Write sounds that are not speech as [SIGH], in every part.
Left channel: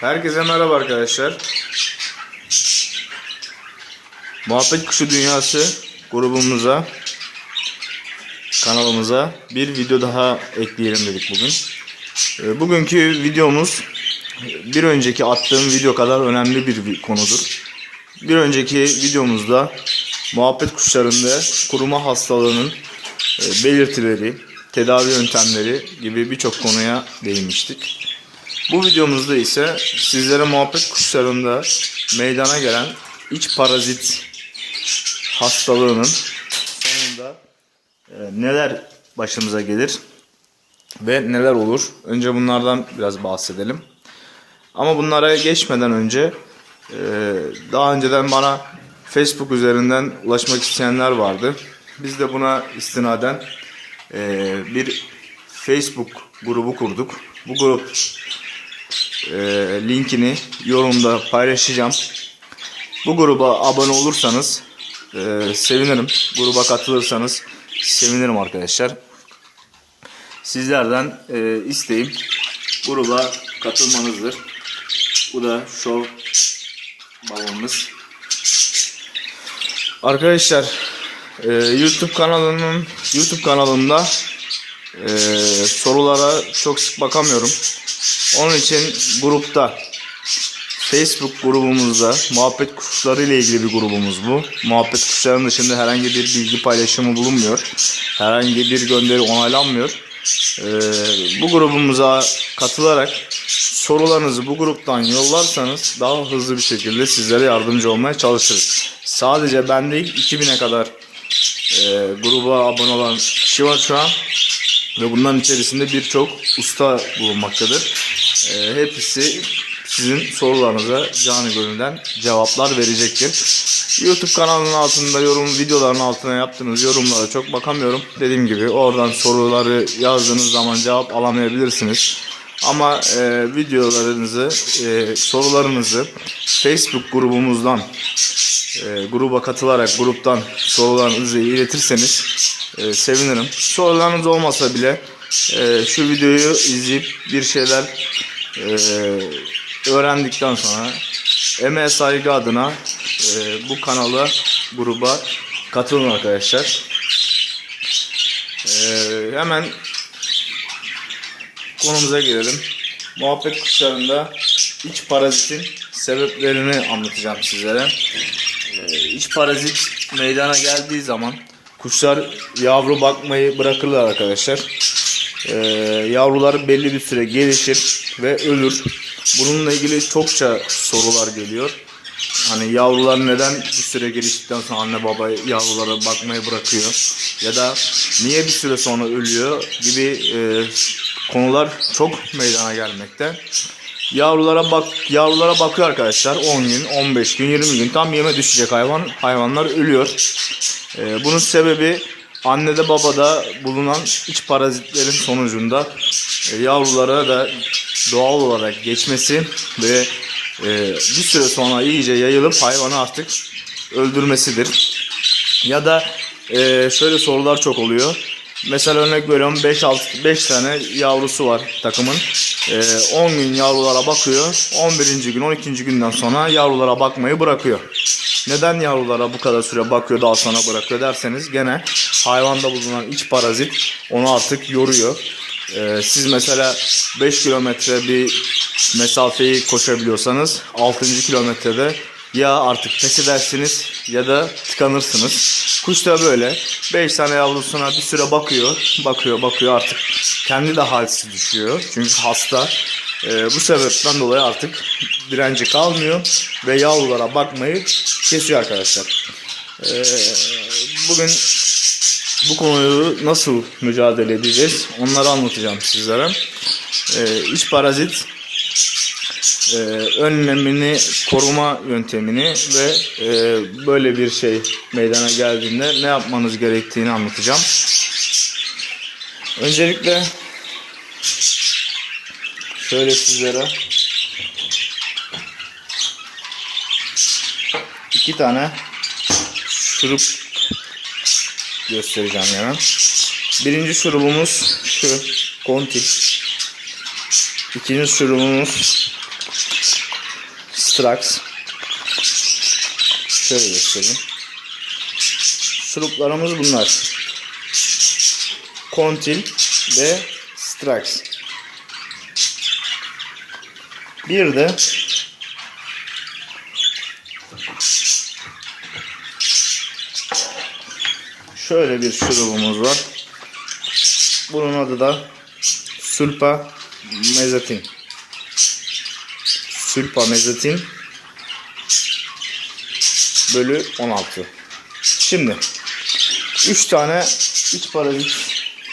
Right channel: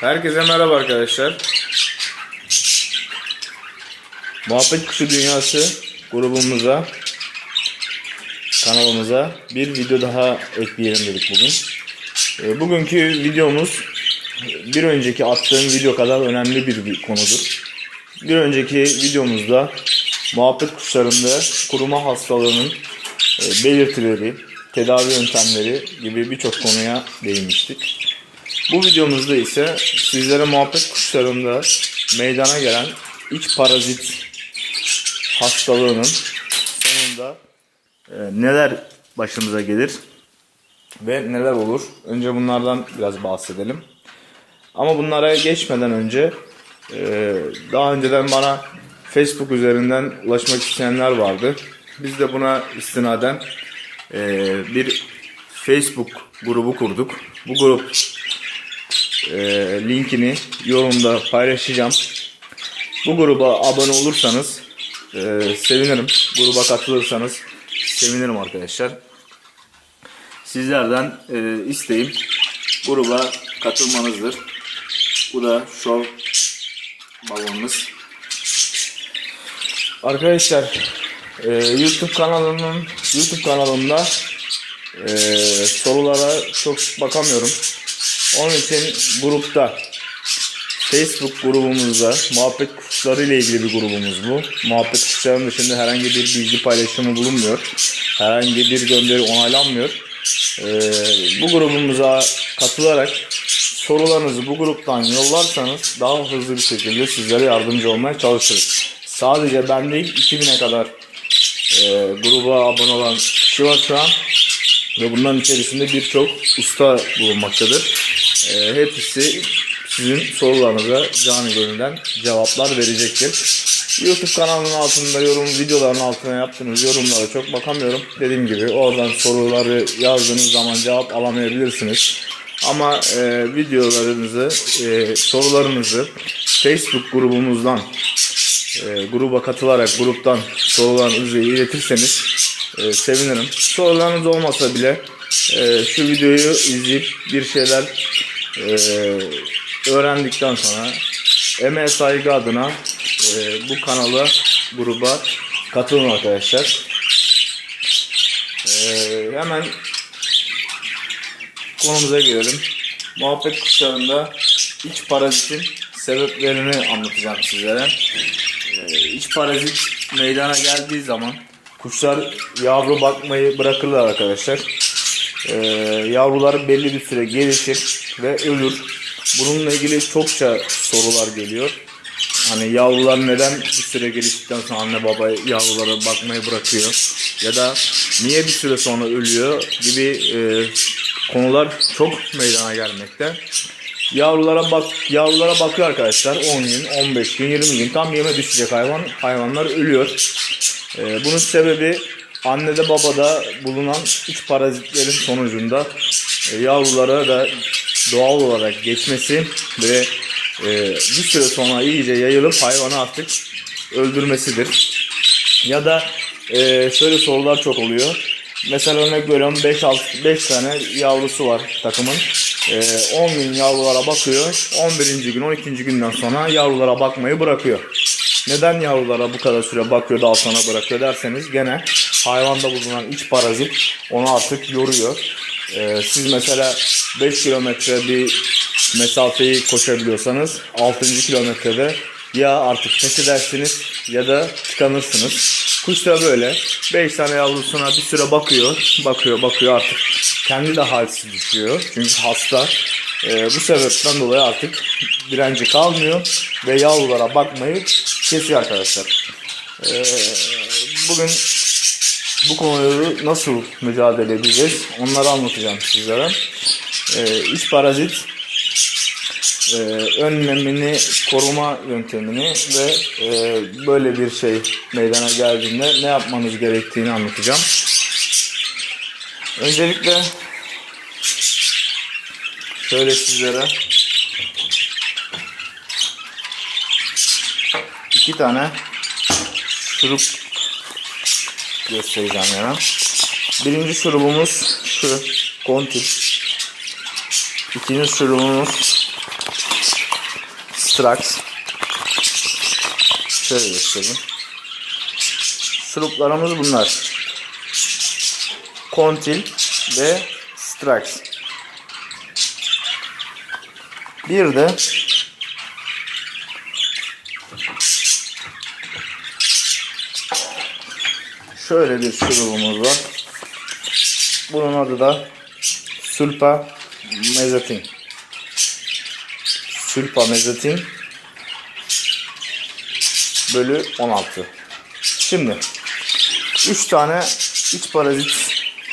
Herkese merhaba arkadaşlar. Muhabbet Kuşu Dünyası grubumuza, kanalımıza bir video daha ekleyelim dedik bugün. Ee, Bugünkü videomuz bir önceki attığım video kadar önemli bir konudur. Bir önceki videomuzda muhabbet kuşlarında kuruma hastalığının e, belirtileri, tedavi yöntemleri gibi birçok konuya değinmiştik. Bu videomuzda ise sizlere muhabbet kuşlarında meydana gelen iç parazit hastalığının sonunda e, neler başımıza gelir ve neler olur? Önce bunlardan biraz bahsedelim. Ama bunlara geçmeden önce e, daha önceden bana Facebook üzerinden ulaşmak isteyenler vardı. Biz de buna istinaden e, bir Facebook grubu kurduk. Bu grup e, linkini yorumda paylaşacağım. Bu gruba abone olursanız e, sevinirim. Gruba katılırsanız sevinirim arkadaşlar. Sizlerden e, isteğim gruba katılmanızdır. Bu da şov balonumuz. Arkadaşlar e, YouTube kanalının YouTube kanalımda e, sorulara çok sık bakamıyorum. Onun için grupta Facebook grubumuzda muhabbet kuşları ile ilgili bir grubumuz bu. Muhabbet kuşlarının dışında herhangi bir bilgi paylaşımı bulunmuyor. Herhangi bir gönderi onaylanmıyor. Ee, bu grubumuza katılarak sorularınızı bu gruptan yollarsanız daha hızlı bir şekilde sizlere yardımcı olmaya çalışırız. Sadece ben değil 2000'e kadar e, gruba abone olan kişi var şu an. Ve bunların içerisinde birçok usta bulunmaktadır. Ee, hepsi sizin sorularınıza canı gönülden cevaplar verecektir. YouTube kanalının altında yorum videoların altına yaptığınız yorumlara çok bakamıyorum. Dediğim gibi oradan soruları yazdığınız zaman cevap alamayabilirsiniz. Ama e, videolarınızı, e, sorularınızı Facebook grubumuzdan e, gruba katılarak gruptan sorularınızı iletirseniz e, sevinirim. Sorularınız olmasa bile e, şu videoyu izleyip bir şeyler e, öğrendikten sonra emeğe saygı adına e, bu kanala gruba katılın arkadaşlar. E, hemen konumuza gelelim. Muhabbet kuşlarında iç parazitin sebeplerini anlatacağım sizlere. Ee, iç parazit meydana geldiği zaman kuşlar yavru bakmayı bırakırlar arkadaşlar. Ee, yavrular belli bir süre gelişir ve ölür. Bununla ilgili çokça sorular geliyor. Hani yavrular neden bir süre geliştikten sonra anne baba yavrulara bakmayı bırakıyor ya da niye bir süre sonra ölüyor gibi e, konular çok meydana gelmekte. Yavrulara bak yavrulara bakıyor arkadaşlar 10 gün, 15 gün, 20 gün tam yeme düşecek hayvan hayvanlar ölüyor. Ee, bunun sebebi annede babada bulunan iç parazitlerin sonucunda e, yavrulara da doğal olarak geçmesi ve e, bir süre sonra iyice yayılıp hayvanı artık öldürmesidir. Ya da e, şöyle sorular çok oluyor. Mesela örnek veriyorum 5 6 5 tane yavrusu var takımın. Ee, 10 gün yavrulara bakıyor. 11. gün 12. günden sonra yavrulara bakmayı bırakıyor. Neden yavrulara bu kadar süre bakıyor daha sonra bırakıyor derseniz gene hayvanda bulunan iç parazit onu artık yoruyor. Ee, siz mesela 5 kilometre bir mesafeyi koşabiliyorsanız 6. kilometrede ya artık pes edersiniz ya da tıkanırsınız. Kuş da böyle 5 tane yavrusuna bir süre bakıyor, bakıyor, bakıyor artık kendi de halsiz düşüyor. Çünkü hasta. Ee, bu sebepten dolayı artık direnci kalmıyor ve yavrulara bakmayı kesiyor arkadaşlar. Ee, bugün bu konuyu nasıl mücadele edeceğiz onları anlatacağım sizlere. Ee, iç parazit e, önlemini, koruma yöntemini ve e, böyle bir şey meydana geldiğinde ne yapmanız gerektiğini anlatacağım. Öncelikle şöyle sizlere iki tane şurup göstereceğim yana. Birinci şurubumuz şu kontil. İkinci şurubumuz Strax. Şöyle göstereyim. Şuruplarımız bunlar. Kontil ve Strax. Bir de şöyle bir şurubumuz var. Bunun adı da Sulpa Mezatin. Sulpa Mezatin bölü 16. Şimdi 3 tane iç parazit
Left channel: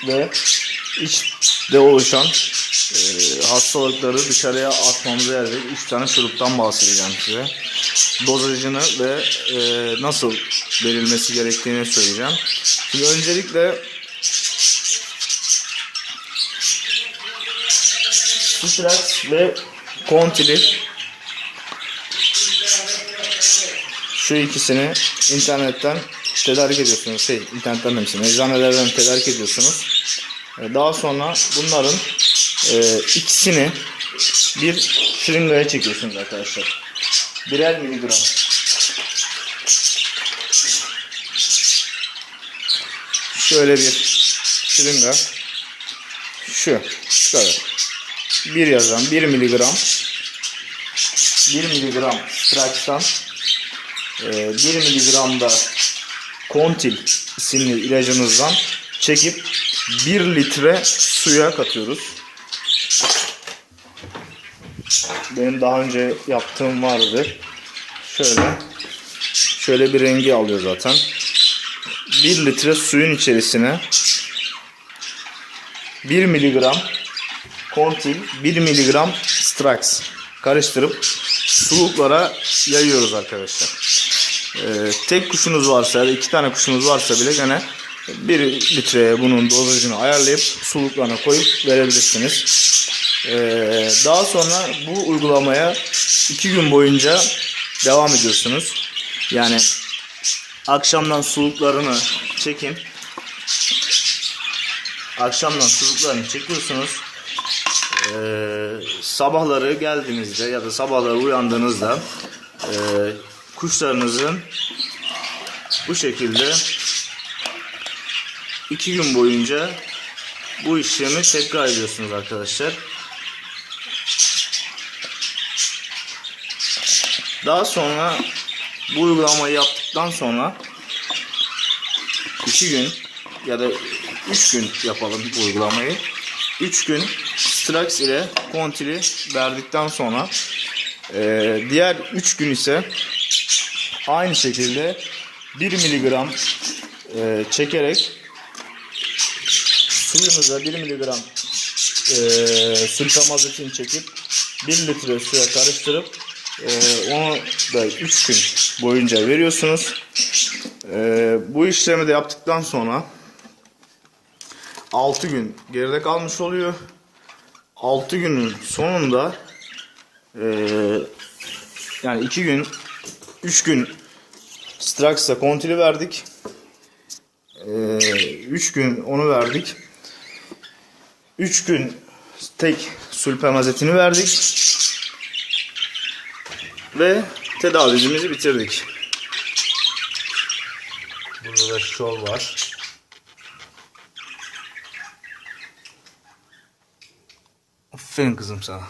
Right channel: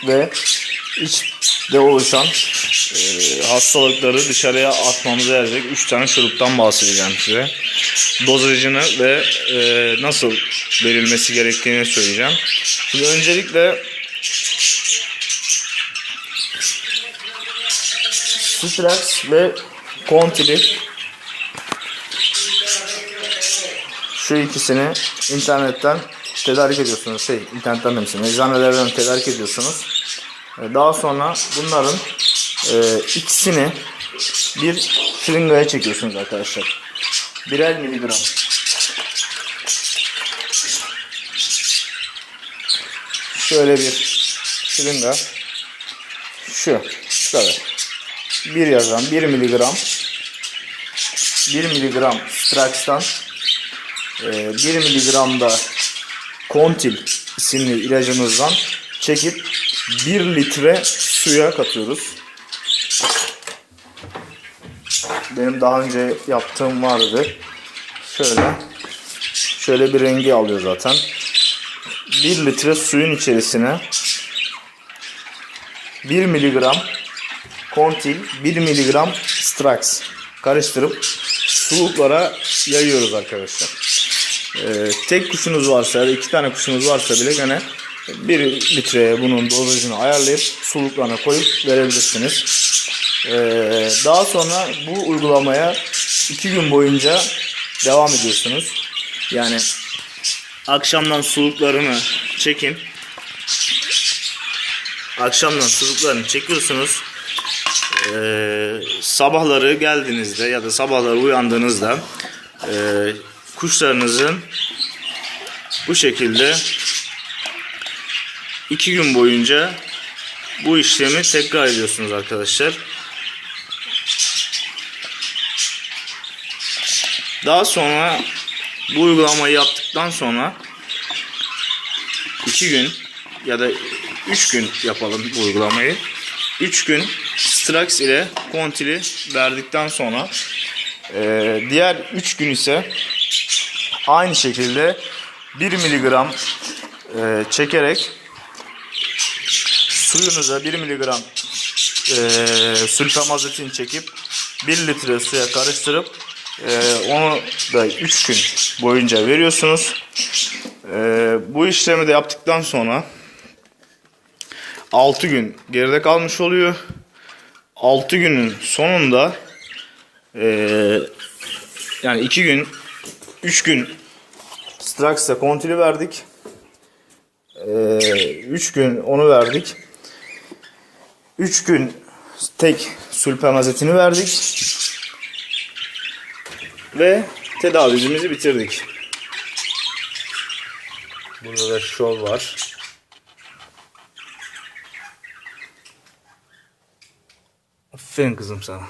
ve içte oluşan e, hastalıkları dışarıya atmamıza yarayacak 3 tane şuruptan bahsedeceğim size. Dozajını ve e, nasıl verilmesi gerektiğini söyleyeceğim. Şimdi öncelikle Citrax ve Contili şu ikisini internetten tedarik ediyorsunuz. Şey, internetten demişim. Eczanelerden tedarik ediyorsunuz. Ee, Daha sonra bunların e, ikisini bir şırıngaya çekiyorsunuz arkadaşlar. Birer miligram. Şöyle bir şırınga. Şu. Şu kadar. Bir yazan 1 miligram 1 miligram Strax'tan e, 1 miligram da Contil isimli ilacımızdan çekip 1 litre suya katıyoruz. Benim daha önce yaptığım vardı. Şöyle. Şöyle bir rengi alıyor zaten. 1 litre suyun içerisine 1 miligram Contil 1 miligram Strax karıştırıp suluklara yayıyoruz arkadaşlar. Ee, tek kuşunuz varsa ya da iki tane kuşunuz varsa bile gene 1 litreye bunun dozajını ayarlayıp suluklarına koyup verebilirsiniz. Ee, daha sonra bu uygulamaya 2 gün boyunca devam ediyorsunuz. Yani akşamdan suluklarını çekin. Akşamdan suluklarını çekiyorsunuz. Ee, sabahları geldiğinizde ya da sabahları uyandığınızda e, kuşlarınızın bu şekilde iki gün boyunca bu işlemi tekrar ediyorsunuz arkadaşlar. Daha sonra bu uygulamayı yaptıktan sonra iki gün ya da üç gün yapalım bu uygulamayı. Üç gün Strax ile Contili verdikten sonra e, diğer 3 gün ise aynı şekilde 1 miligram e, çekerek suyunuza 1 miligram e, sulfamazetin çekip 1 litre suya karıştırıp e, onu da 3 gün boyunca veriyorsunuz. E, bu işlemi de yaptıktan sonra 6 gün geride kalmış oluyor. 6 günün sonunda eee, yani 2 gün 3 gün Strax'a kontili verdik. 3 gün onu verdik. 3 gün tek sulpamazetini verdik. Ve tedavimizi bitirdik. Burada da şov var. Aferin kızım sana.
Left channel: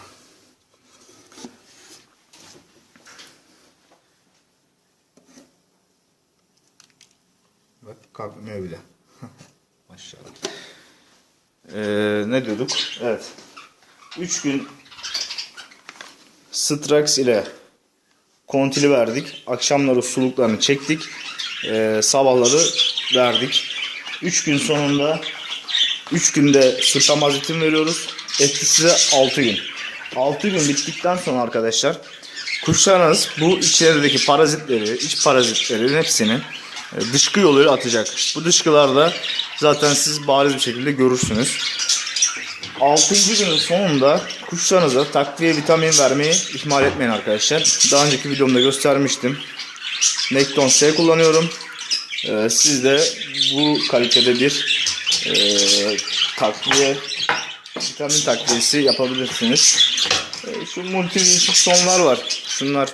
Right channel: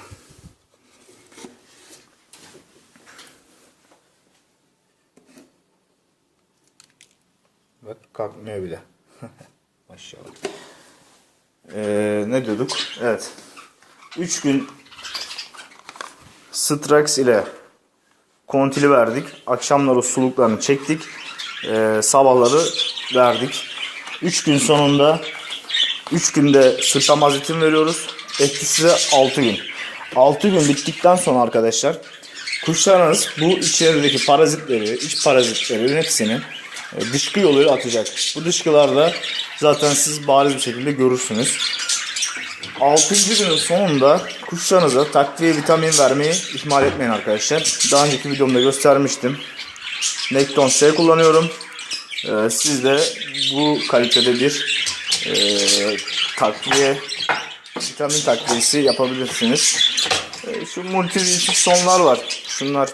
Bak kalkmıyor bile. [LAUGHS] Maşallah. Ee, ne diyorduk? Evet. 3 gün Strax ile kontili verdik. Akşamları suluklarını çektik. Ee, sabahları verdik. 3 gün sonunda 3 günde sırtlamazitin veriyoruz. Etkisi de 6 gün. 6 gün bittikten sonra arkadaşlar kuşlarınız bu içerideki parazitleri, iç parazitlerin hepsini e, dışkı yoluyla atacak. Bu dışkılarda zaten siz bariz bir şekilde görürsünüz. 6. günün sonunda kuşlarınıza takviye vitamin vermeyi ihmal etmeyin arkadaşlar. Daha önceki videomda göstermiştim. Nekton C kullanıyorum. Ee, siz de bu kalitede bir e, takviye vitamin takviyesi yapabilirsiniz. E, şu multivisit sonlar var. Şunlar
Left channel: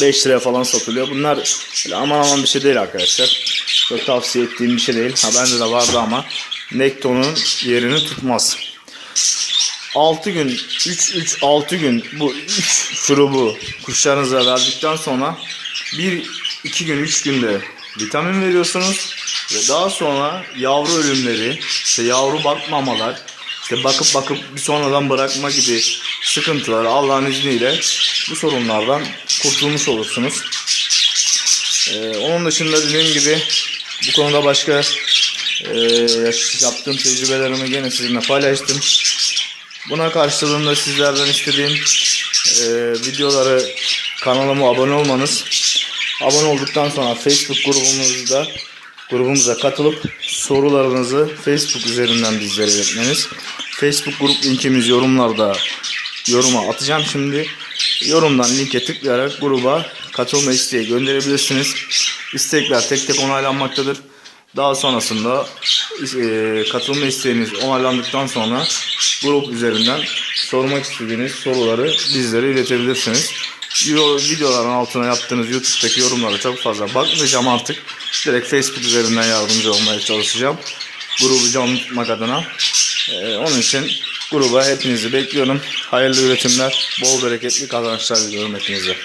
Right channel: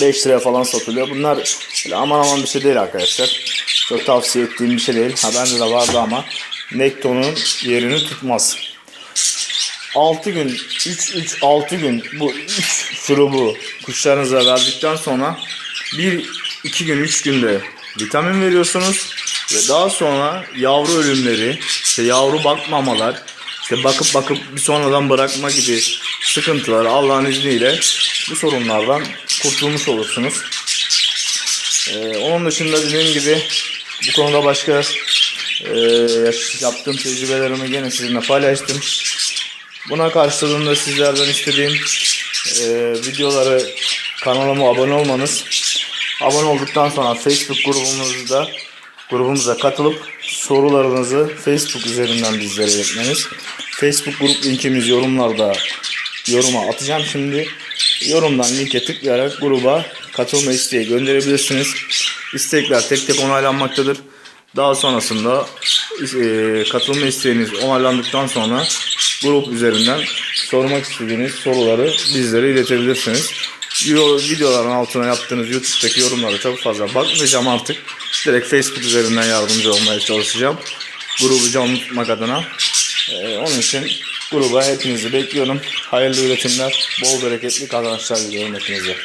5 liraya falan satılıyor. Bunlar aman aman bir şey değil arkadaşlar. Çok tavsiye ettiğim bir şey değil. Ha bende de vardı ama Nekton'un yerini tutmaz. 6 gün 3 3 6 gün bu [LAUGHS] 3 şurubu kuşlarınıza verdikten sonra 1 2 gün 3 günde vitamin veriyorsunuz ve daha sonra yavru ölümleri, işte yavru bakmamalar, işte bakıp bakıp bir sonradan bırakma gibi sıkıntılar Allah'ın izniyle bu sorunlardan kurtulmuş olursunuz. Ee, onun dışında dediğim gibi bu konuda başka e, yaptığım tecrübelerimi gene sizinle paylaştım. Buna karşılığında sizlerden istediğim e, videoları kanalıma abone olmanız. Abone olduktan sonra Facebook grubumuzda grubumuza katılıp sorularınızı Facebook üzerinden bizlere iletmeniz. Facebook grup linkimiz yorumlarda yoruma atacağım şimdi. Yorumdan linke tıklayarak gruba katılma isteği gönderebilirsiniz. İstekler tek tek onaylanmaktadır. Daha sonrasında e, katılma isteğiniz onaylandıktan sonra grup üzerinden sormak istediğiniz soruları bizlere iletebilirsiniz. Videoların altına yaptığınız YouTube'daki yorumlara çok fazla bakmayacağım artık. Direkt Facebook üzerinden yardımcı olmaya çalışacağım. Grubu canlı tutmak adına. Ee, onun için gruba hepinizi bekliyorum. Hayırlı üretimler, bol bereketli kazançlar diliyorum hepinize.